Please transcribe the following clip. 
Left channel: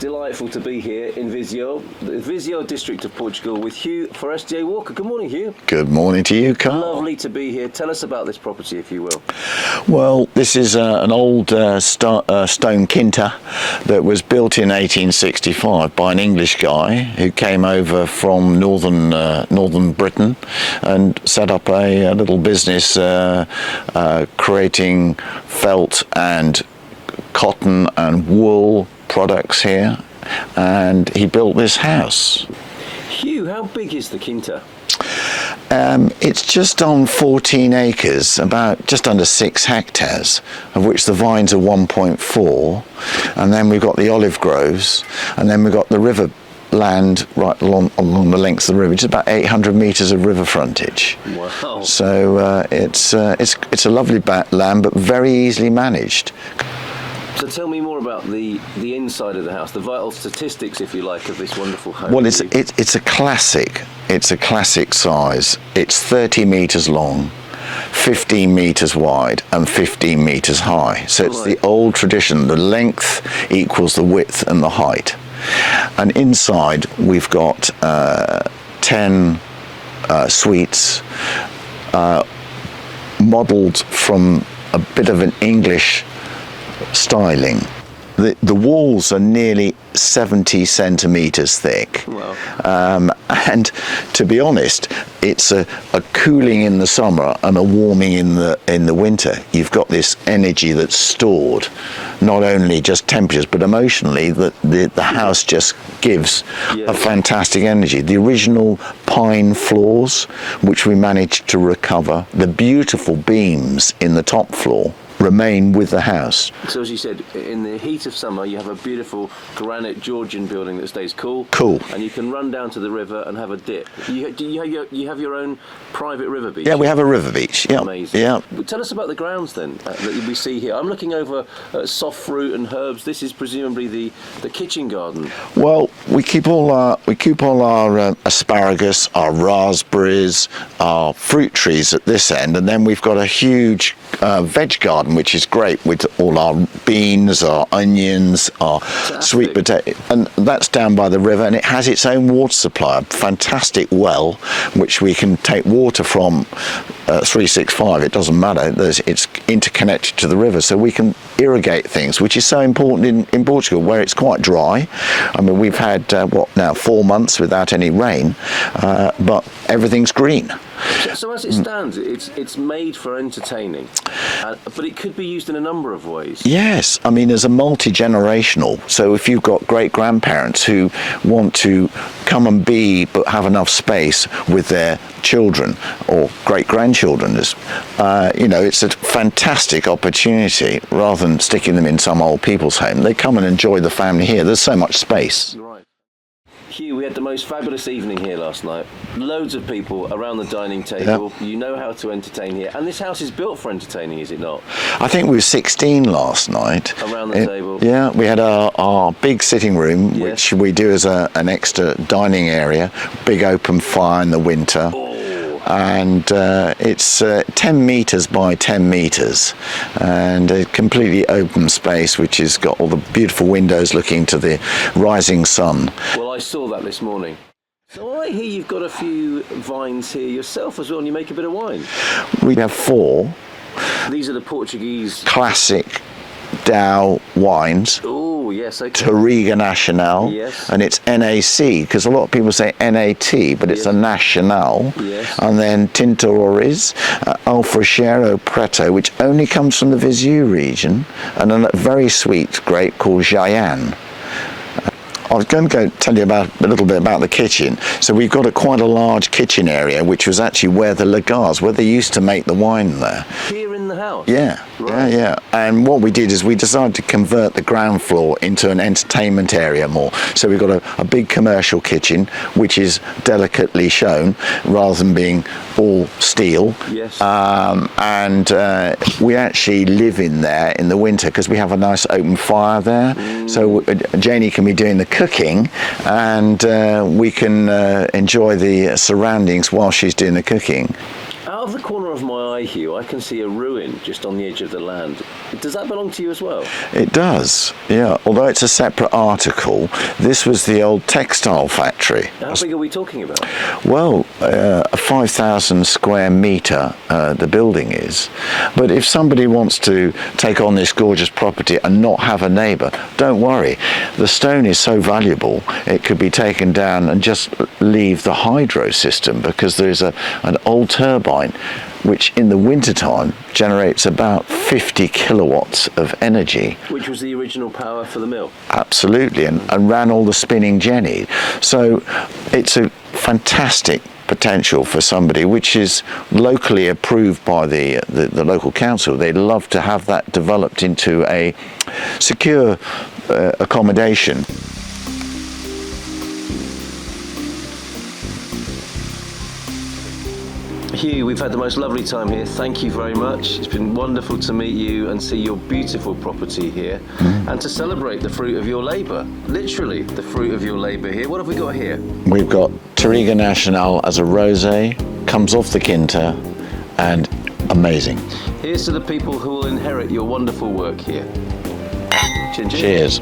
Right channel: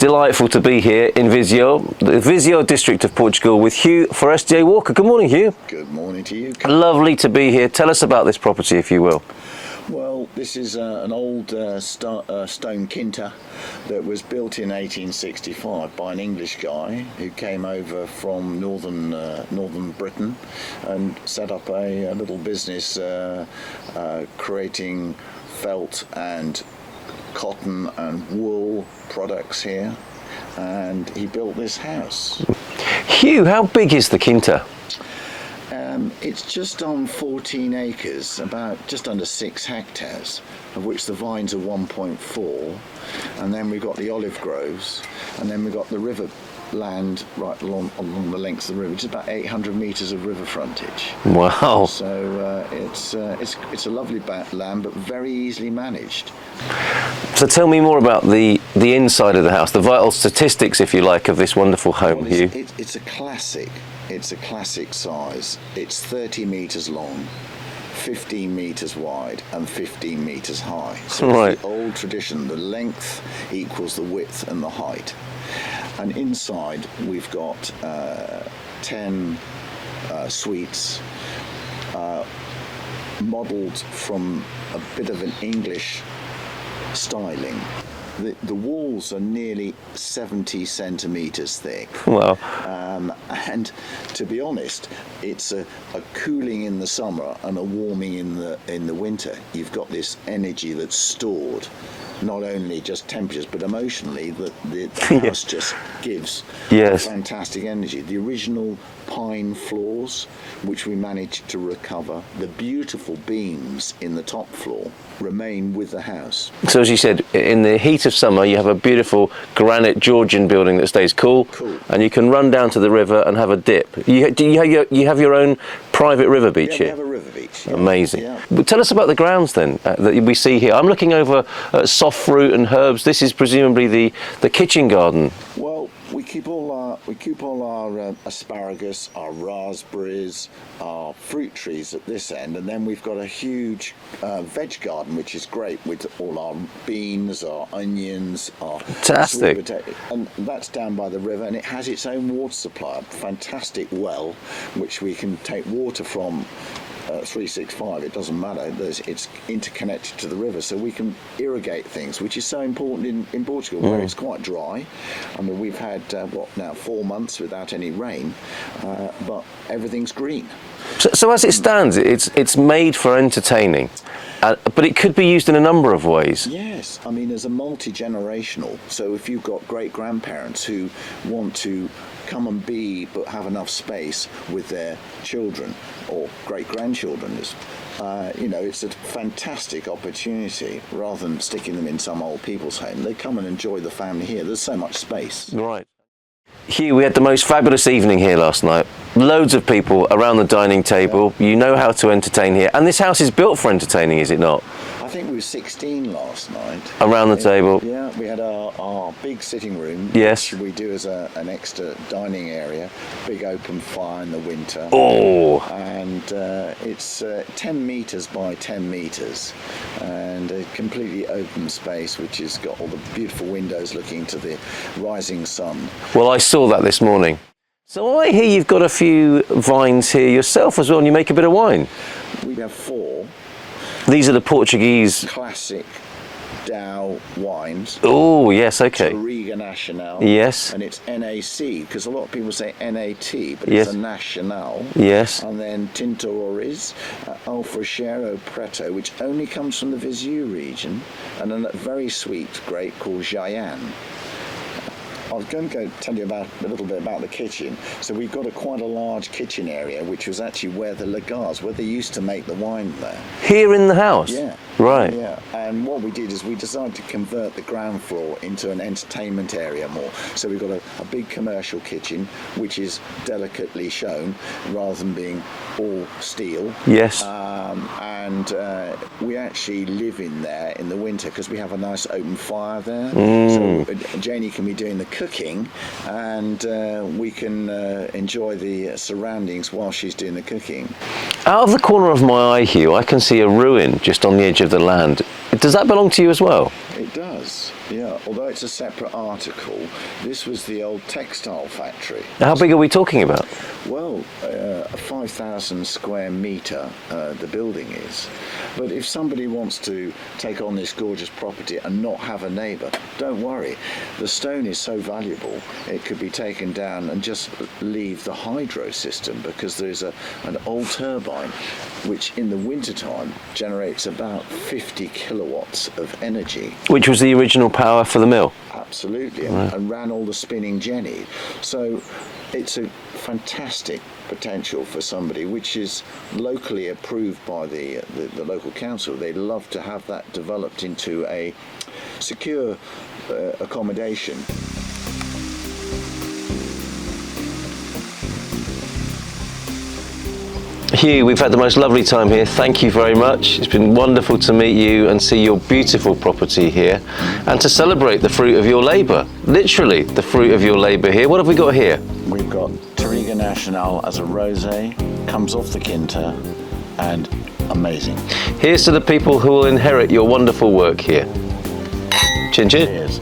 delightful to be here in Viseu, the Viseu district of Portugal, with Hugh Forestier Walker. Good morning, Hugh. Good morning to you, Carl. Lovely to be here. Tell us about this property, if you will. Well, this is an old stone quinta that was built in 1865 by an English guy who came over from northern Britain and set up a little business creating felt and cotton and wool products here, and he built this house. Hugh, how big is the quinta? It's just on 14 acres, about just under 6 hectares, of which the vines are 1.4, and then we've got the olive groves, and then we've got the river land right along the length of the river, which is about 800 metres of river frontage. Wow. So it's a lovely land, but very easily managed. So tell me more about the inside of the house, the vital statistics, if you like, of this wonderful home. Well, it's a classic. It's a classic size. It's 30 metres long, 15 metres wide and 15 metres high. So it's the old tradition. The length equals the width and the height. And inside we've got 10 suites modelled from a bit of an English styling. The walls are nearly 70 centimetres thick. Wow. And to be honest, it's a cooling in the summer and a warming in the winter. You've got this energy that's stored, not only just temperatures, but emotionally, the house just gives a fantastic energy. The original pine floors, which we managed to recover, the beautiful beams in the top floor, remain with the house. So as you said, in the heat of summer you have a beautiful granite Georgian building that stays cool. And you can run down to the river and have a dip. You have your own private river beach? Yeah, we have a river beach. Yeah. Amazing. Yeah. Well, tell us about the grounds then that we see here. I'm looking over soft fruit and herbs. This is presumably the kitchen garden. Well, we keep all our asparagus, our raspberries, our fruit trees at this end, and then we've got a huge veg garden, which is great, with all our beans, our onions, our sweet potato, and that's down by the river, and it has its own water supply, a fantastic well, which we can take water from 365. It doesn't matter. It's interconnected to the river, so we can irrigate things, which is so important in Portugal, where it's quite dry. I mean, we've had 4 months without any rain, but everything's green. So as it stands, it's made for entertaining, but it could be used in a number of ways. Yes, I mean, as a multi-generational. So if you've got great-grandparents who want to come and be, but have enough space with their children or great-grandchildren, it's a fantastic opportunity. Rather than sticking them in some old people's home, they come and enjoy the family here. There's so much space. Right. Hugh, we had the most fabulous evening here last night. Loads of people around the dining table. Yeah. You know how to entertain here. And this house is built for entertaining, is it not? I think we were 16 last night. Around the table? Yeah, we had our big sitting room, which we do as an extra dining area. Big open fire in the winter. Oh! And it's 10 metres by 10 metres. And a completely open space, which has got all the beautiful windows looking to the rising sun. Well, I saw that this morning. So I hear you've got a few vines here yourself as well, and you make a bit of wine. We have 4. These are the Portuguese classic Dow wines. Oh, yes, okay. Touriga Nacional. Yes. And it's NAC, because a lot of people say NAT, but it's a Nacional. Yes. And then Tinto Oriz, Alfrochero Preto, which only comes from the Viseu region, and a very sweet grape called Jayan. I was going to tell you a little bit about the kitchen. So we've got quite a large kitchen area, which was actually where the lagars, where they used to make the wine there. Here in the house? Yeah. Right. Yeah. And what we did is we decided to convert the ground floor into an entertainment area more. So we've got a big commercial kitchen, which is delicately shown rather than being all steel. Yes. And we actually live in there in the winter because we have a nice open fire there. So Janie can be doing the cooking, and we can enjoy the surroundings while she's doing the cooking. Out of the corner of my eye, Hugh, I can see a ruin just on the edge of the land. Does that belong to you as well? It does, yeah. Although it's a separate article, this was the old textile factory. How big are we talking about? Well, a 5,000 square metre the building is. But if somebody wants to take on this gorgeous property and not have a neighbour, don't worry. The stone is so valuable, it could be taken down and just leave the hydro system, because there's an old turbine which in the wintertime generates about 50 kilowatts of energy. Which was the original power for the mill? Absolutely, and ran all the spinning jenny. So it's a fantastic potential for somebody, which is locally approved by the local council. They'd love to have that developed into a secure accommodation. Hugh, we've had the most lovely time here. Thank you very much. It's been wonderful to meet you and see your beautiful property here, and to celebrate the fruit of your labour. Literally, the fruit of your labour here. What have we got here? We've got Touriga Nacional as a rosé, comes off the quinta, and amazing. Here's to the people who will inherit your wonderful work here. Chin chin. Cheers.